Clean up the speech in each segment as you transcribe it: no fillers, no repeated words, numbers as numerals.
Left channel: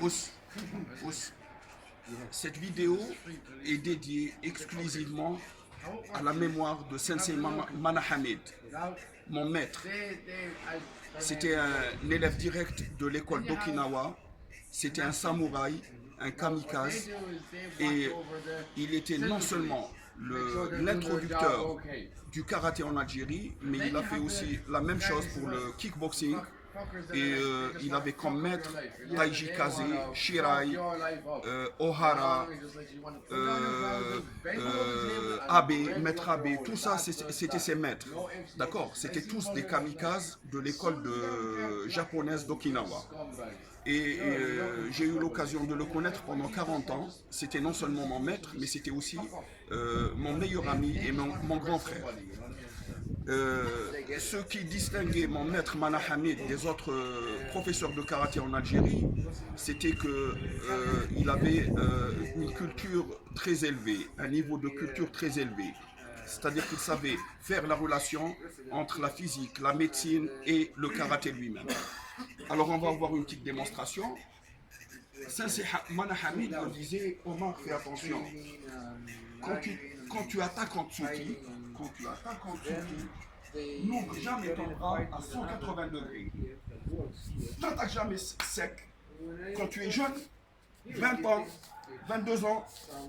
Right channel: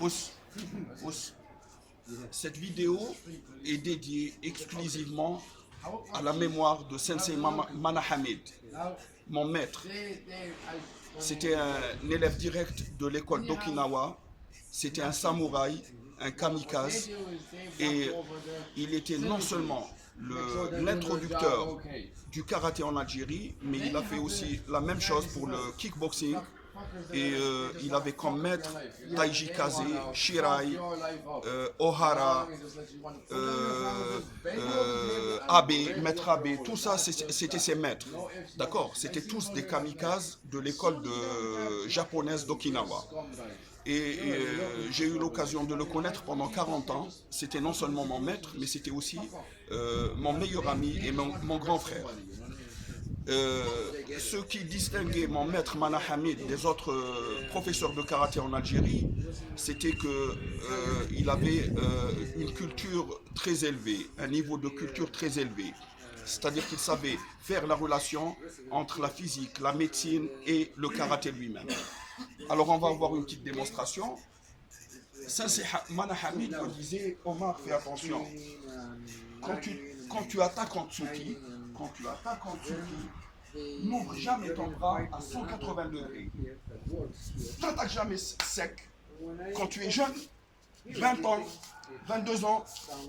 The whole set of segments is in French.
Ous, ous. Cette vidéo est dédiée exclusivement à la mémoire de Sensei Manahamid, mon maître. C'était un élève direct de l'école d'Okinawa. C'était un samouraï, un kamikaze. Et il était non seulement l'introducteur du karaté en Algérie, mais il a fait aussi la même chose pour le kickboxing. Et il avait comme maître Taiji Kaze, Shirai, Ohara, Abe, maître Abe, tout ça c'était ses maîtres. D'accord. C'était tous des kamikazes de l'école japonaise d'Okinawa. Et j'ai eu l'occasion de le connaître pendant 40 ans. C'était non seulement mon maître, mais c'était aussi mon meilleur ami et mon grand frère. Ce qui distinguait mon maître Manahamid des autres professeurs de karaté en Algérie, c'était qu'il avait une culture très élevée, un niveau de culture très élevé. C'est-à-dire qu'il savait faire la relation entre la physique, la médecine et le karaté lui-même. Alors on va avoir une petite démonstration. Sensei Manahamid me disait, Omar, fais attention. Quand tu attaques en tsuki, n'ouvre jamais ton bras à 180 degrés. N'attaque jamais sec. Quand tu es jeune, 20 ans, 22 ans,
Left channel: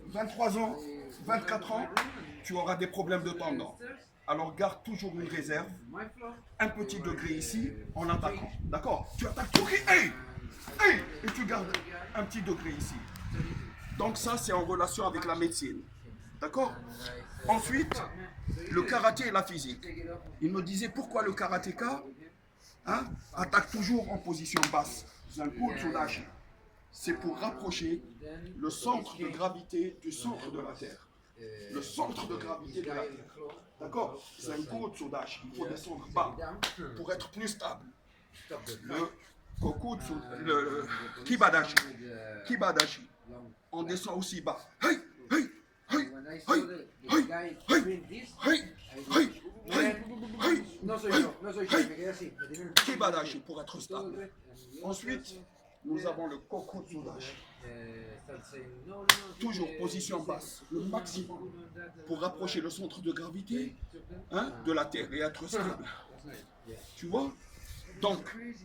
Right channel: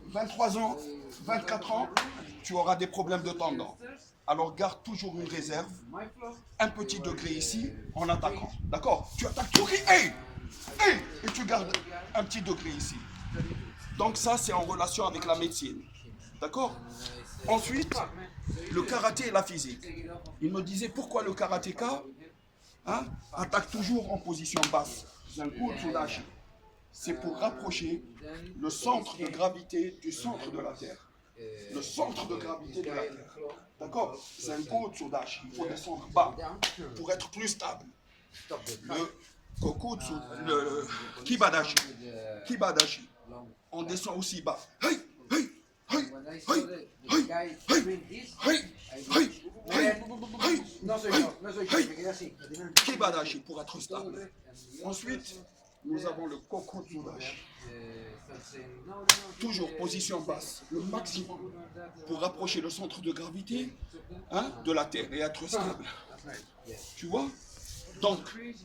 23 ans, 24 ans, tu auras des problèmes de tendons. Alors garde toujours une réserve, un petit degré ici, en attaquant. D'accord? Tu attaques tout, hey, hey, et tu gardes un petit degré ici. Donc ça, c'est en relation avec la médecine. D'accord? Ensuite, le karaté et la physique. Il me disait pourquoi le karatéka attaque toujours en position basse. C'est pour rapprocher le centre de gravité du centre de la Terre. Le centre de gravité de la Terre. D'accord? C'est un Tsudashi. Il faut descendre bas pour être plus stable. Le Kibadashi. Kibadashi. On descend aussi bas. Hey, hey, hey, hey, hey, hey, hey, hey, hey, hey, Kibadashi pour être stable. Ensuite, nous avons le Kokotsudashi. Toujours position basse, le maximum pour rapprocher le centre de gravité de la Terre et être stable. Tu vois? Donc, il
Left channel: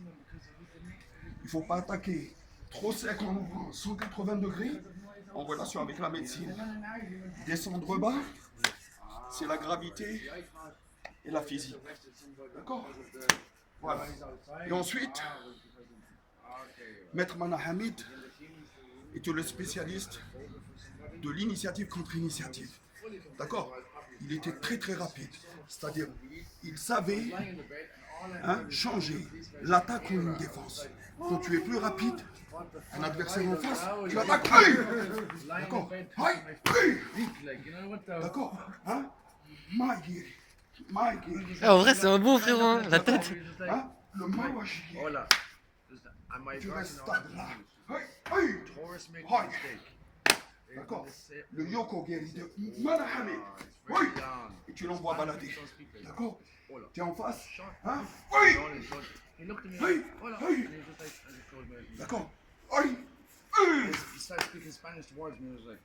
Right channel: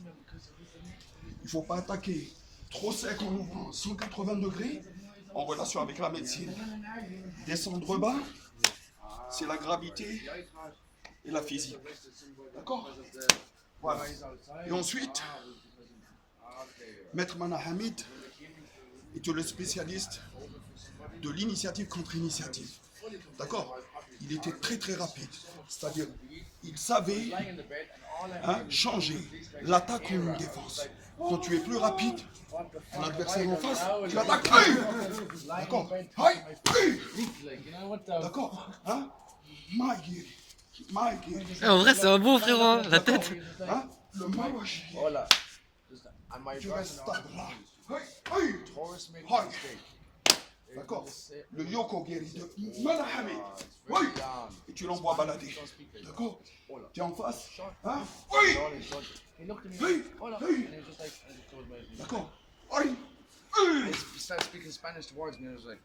ne faut pas attaquer trop sec en ouvrant 180 degrés en relation avec la médecine. Descendre bas, c'est la gravité et la physique. D'accord? Voilà. Et ensuite, Maître Manahamid était le spécialiste de l'initiative contre initiative. D'accord? Il était très très rapide. C'est-à-dire, il savait changer l'attaque en une défense. Quand tu es plus rapide, un adversaire en face, tu attaques. Hey, d'accord? Hey, d'accord? En vrai, c'est un bon frérot, hein, la tête. Le Mawashiki. Tu restes stable là. Hey, d'accord? Le Yokogeri de Manahamid. Oui. Et tu l'envoies balader. D'accord? Tu es en face. Oui. Hey, hey. D'accord? He started speaking Spanish towards me. I was like,